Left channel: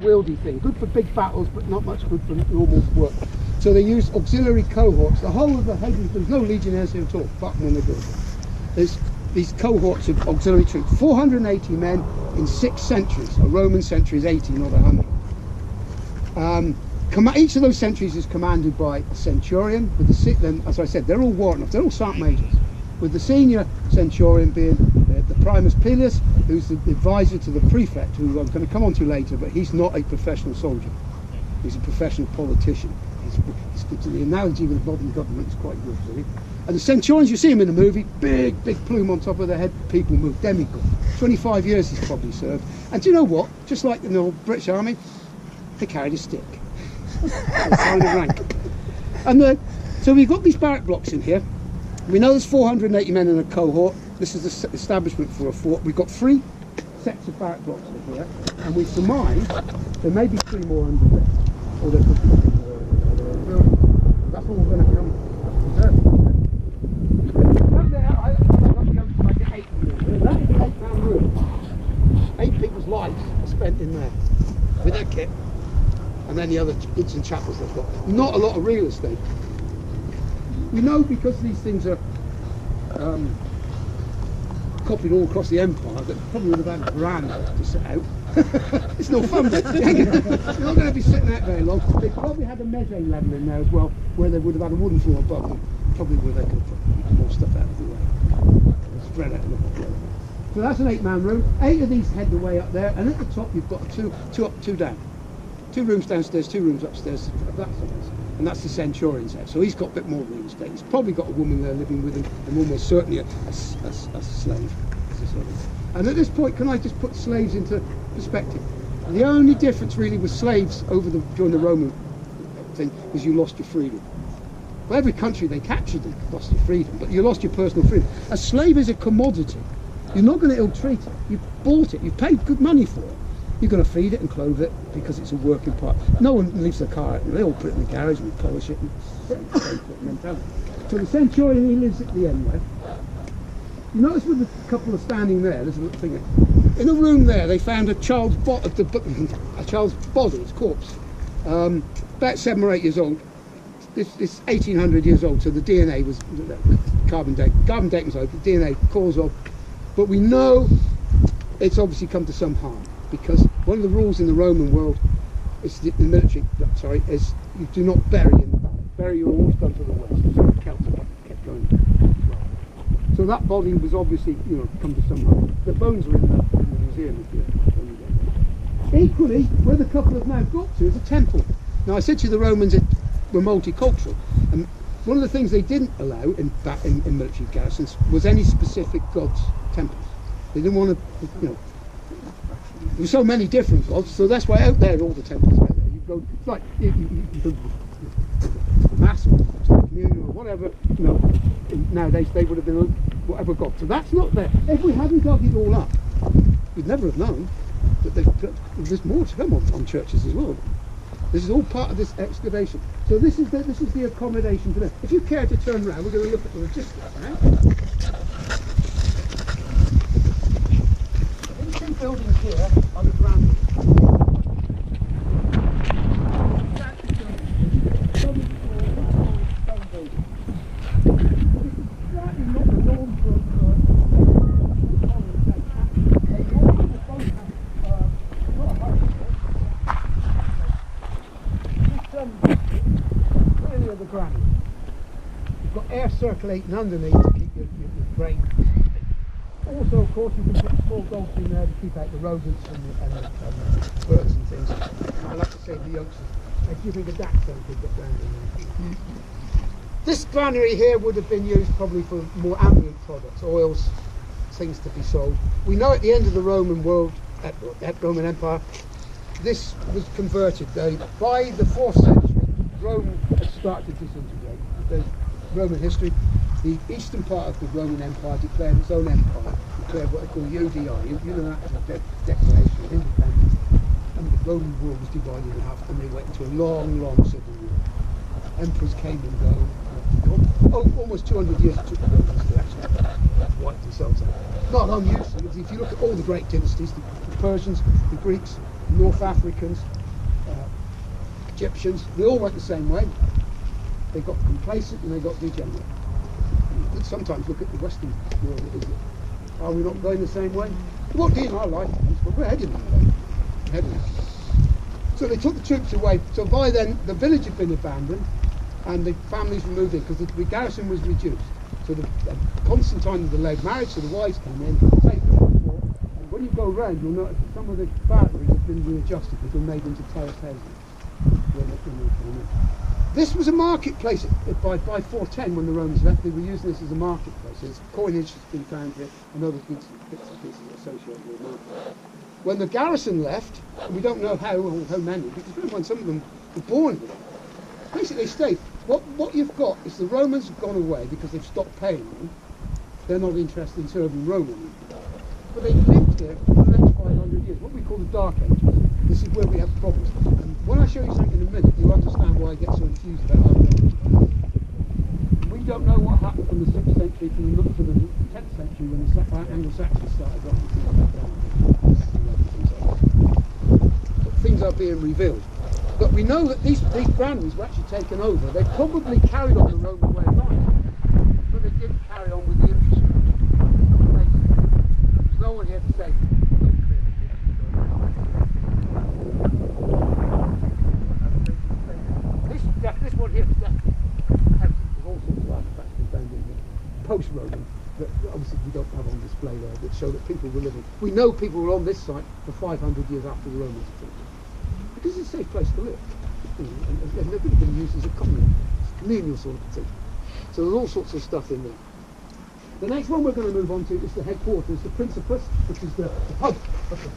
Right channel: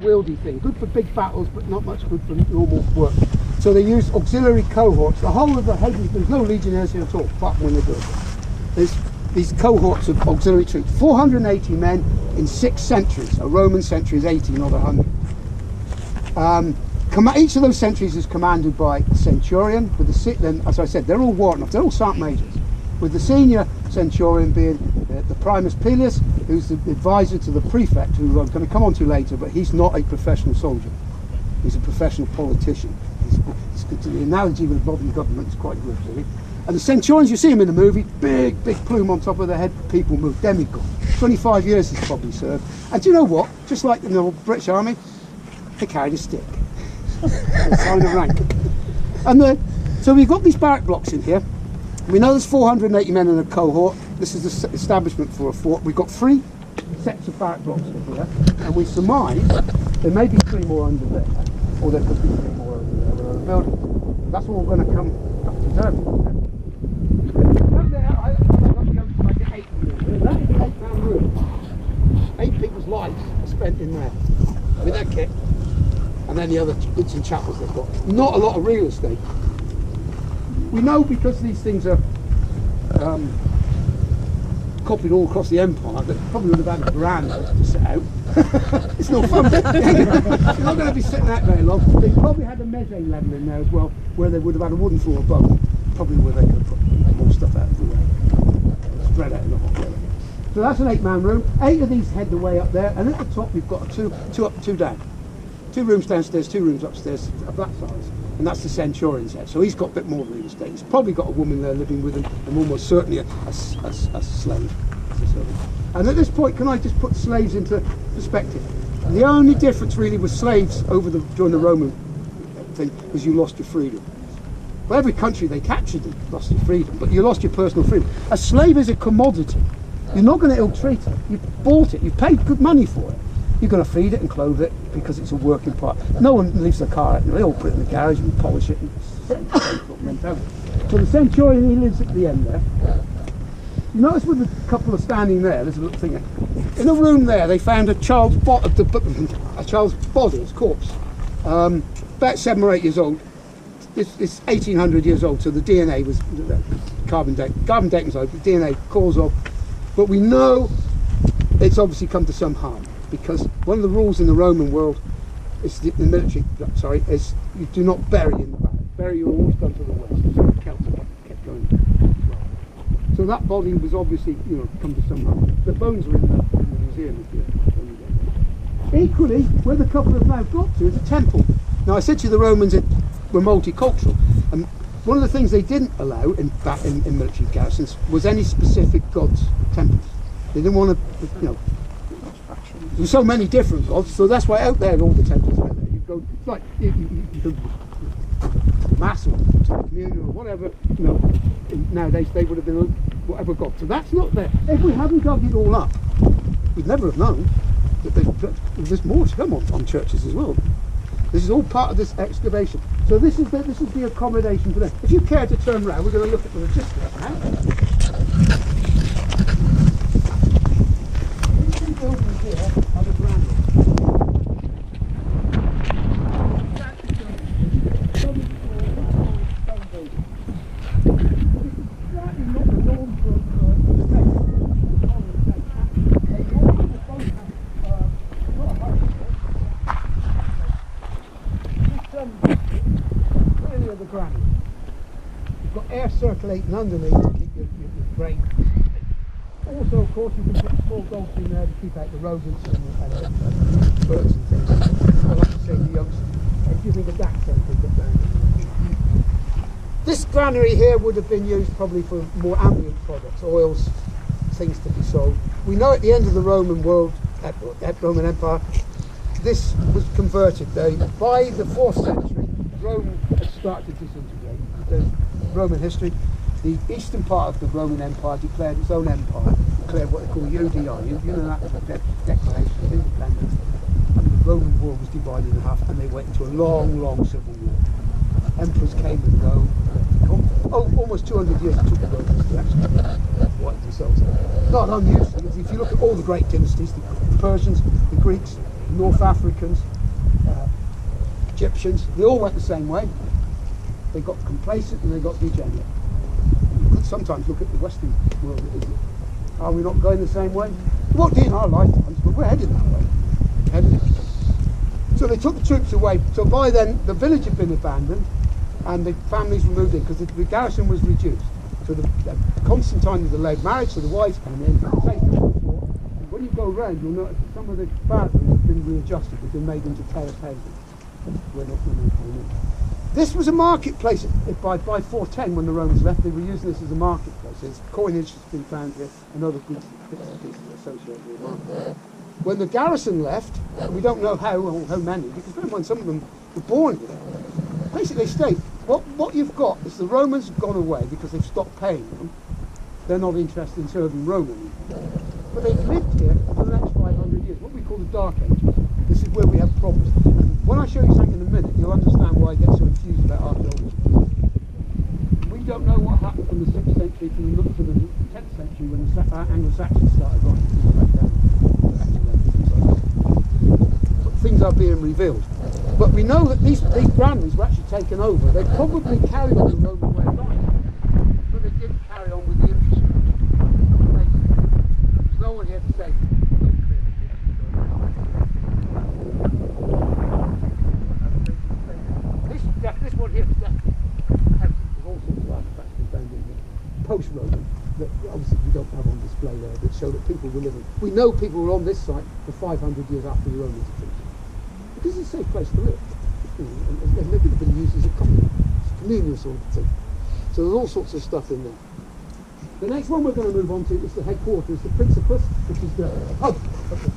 Wieldy thing, good for big battles, but not much good for normal work. So they used auxiliary cohorts. The whole of the heavy, there's no legionnaires here at all, apart from when they built it. There's these cohorts of auxiliary troops, 480 men in 6 centuries. A Roman century is 80, not 100. Each of those centuries is commanded by a centurion, with then, as I said, they're all warrant, they're all sergeant majors, with the senior centurion being the primus pilius, who's the advisor to the prefect, who I'm going to come on to later, but he's not a professional soldier. He's a professional politician. The analogy with the modern government is quite good, really. And the centurions, you see him in the movie, big plume on top of their head, people move, demigod. 25 years he's probably served. And do you know what? Just like in the British Army, they carried a stick. Sign of rank. And so we've got these barrack blocks in here. We know there's 480 men in a cohort. This is the establishment for a fort. We've got 3 sets of barrack blocks in here, and we surmise there may be 3 more under there, or there could be 3 more over there. There are buildings. That's all going to come up to there. Up there, I've got to go to like an 8-man room. That is an 8-man room. 8 people's lives are spent in there with their kit, and then the other goods and chattels they've got. Not a lot of real estate. We know because these things are copied all across the empire that probably would have had a veranda to sit out. It's no fun. You're not going to be sitting out very long. They probably had a mezzanine level in there as well, where they would have had a wooden floor above them, probably where they could have put more stuff out of the way, spread out in the hot weather. So that's an 8-man room. 8 of these head the way up there, and at the top you've got 2 up, 2 down. 2 rooms downstairs, 2 rooms upstairs of that size. And that's the centurion's head. So he's got a bit more real estate. He's probably got a woman there living with him, and almost certainly a slave. And at this point, can I just put slaves into perspective? The only difference really with slaves during the Roman thing was you lost your freedom. Well, every country they captured them lost your freedom, but you lost your personal freedom. A slave is a commodity. You're not going to ill-treat it. You've bought it. You've paid good money for it. You're going to feed it and clothe it because it's a working part. No one leaves their car out. They all put it in the garage and polish it. And so the centurion, he lives at the end there. You notice with the couple of standing there's a little thing there. In a room there, they found a child's body, his corpse, about 7 or 8 years old. It's 1800 years old, so the DNA was carbon dating was over, the DNA cause of, but we know it's obviously come to some harm. Because one of the rules in the Roman world is the military, is you do not bury in the valley. Bury you always done to the west. So the Celts kept going. So that body was obviously, come to some harm. The bones are in the museum. Equally, where the couple have now got to is a temple. Now I said to you the Romans were multicultural, and one of the things they didn't allow in military garrisons was any specific gods' temples. They didn't want to, there's so many different gods, so that's why out there all the temples are out there. You go, it's like you go to the mass or to the communion or whatever. Nowadays they would have been whatever god. So that's not there. If we hadn't dug it all up, we'd never have known that there's more to come on churches as well. This is all part of this excavation. So this is the accommodation for them. If you care to turn around, we're going to look at the logistics now. Buildings here are the granaries. Really are the granaries. You've got air circulating underneath to keep your brain. Also, of course, you can put small dogs in there to keep out the rodents and the birds and things. I like to say the yolks. Do you think a dachshund could get down in there? This granary here would have been used probably for more ambient products, oils, things to be sold. We know at the end of the Roman world, at Roman Empire, this was converted. By the 4th century, Rome had started to disintegrate. The Roman history. The eastern part of the Roman Empire declared its own empire, declared what they call UDI. You know that as a declaration of independence. And the Roman world was divided in half, and they went into a long civil war. Emperors came and go. Almost 200 years it took the Romans to actually wipe themselves out. Not unusual. If you look at all the great dynasties, the Persians, the Greeks, North Africans, Egyptians, they all went the same way. They got complacent and they got degenerate. And you could sometimes look at the Western world, are we not going the same way? We won't do it in our lifetimes, but we're headed that way. So they took the troops away. So by then, the village had been abandoned and the families were moved in because the garrison was reduced. So Constantine had delayed marriage, so the wives came in, taken them before. And when you go around, you'll notice that some of the batteries have been readjusted, they've been made into terrace houses when they came in. This was a marketplace by 410 when the Romans left. They were using this as a marketplace. There's coinage that's been found here and other goods, bits and pieces associated with the market. When the garrison left, and we don't know how or how many, because bear in mind some of them were born here, basically they stayed. What you've got is the Romans have gone away because they've stopped paying them. They're not interested in serving Rome anymore. But they've lived here for the next 500 years, what we call the Dark Ages. This is where we have problems. And when I show you something in a minute, you'll understand why I get so enthused about archaeology. We don't know what happened from the 6th century to the 10th century when the Anglo-Saxons started writing things back down. Things like that. But things are being revealed. But we know that these granaries were actually taken over. They probably carried on the Roman way of life, but they didn't carry on with the infrastructure. There's no one here to say. This one here is definitely there's all sorts of artifacts been found in here. Post-Roman, that obviously we don't have on display there, that show that people were living. We know people were on this site for 500 years after the Romans had finished. Because it's a safe place to live. And they've never been used as a communal sort of thing. So there's all sorts of stuff in there. The next one we're going to move on to is the headquarters, the Principus, which is the hub of the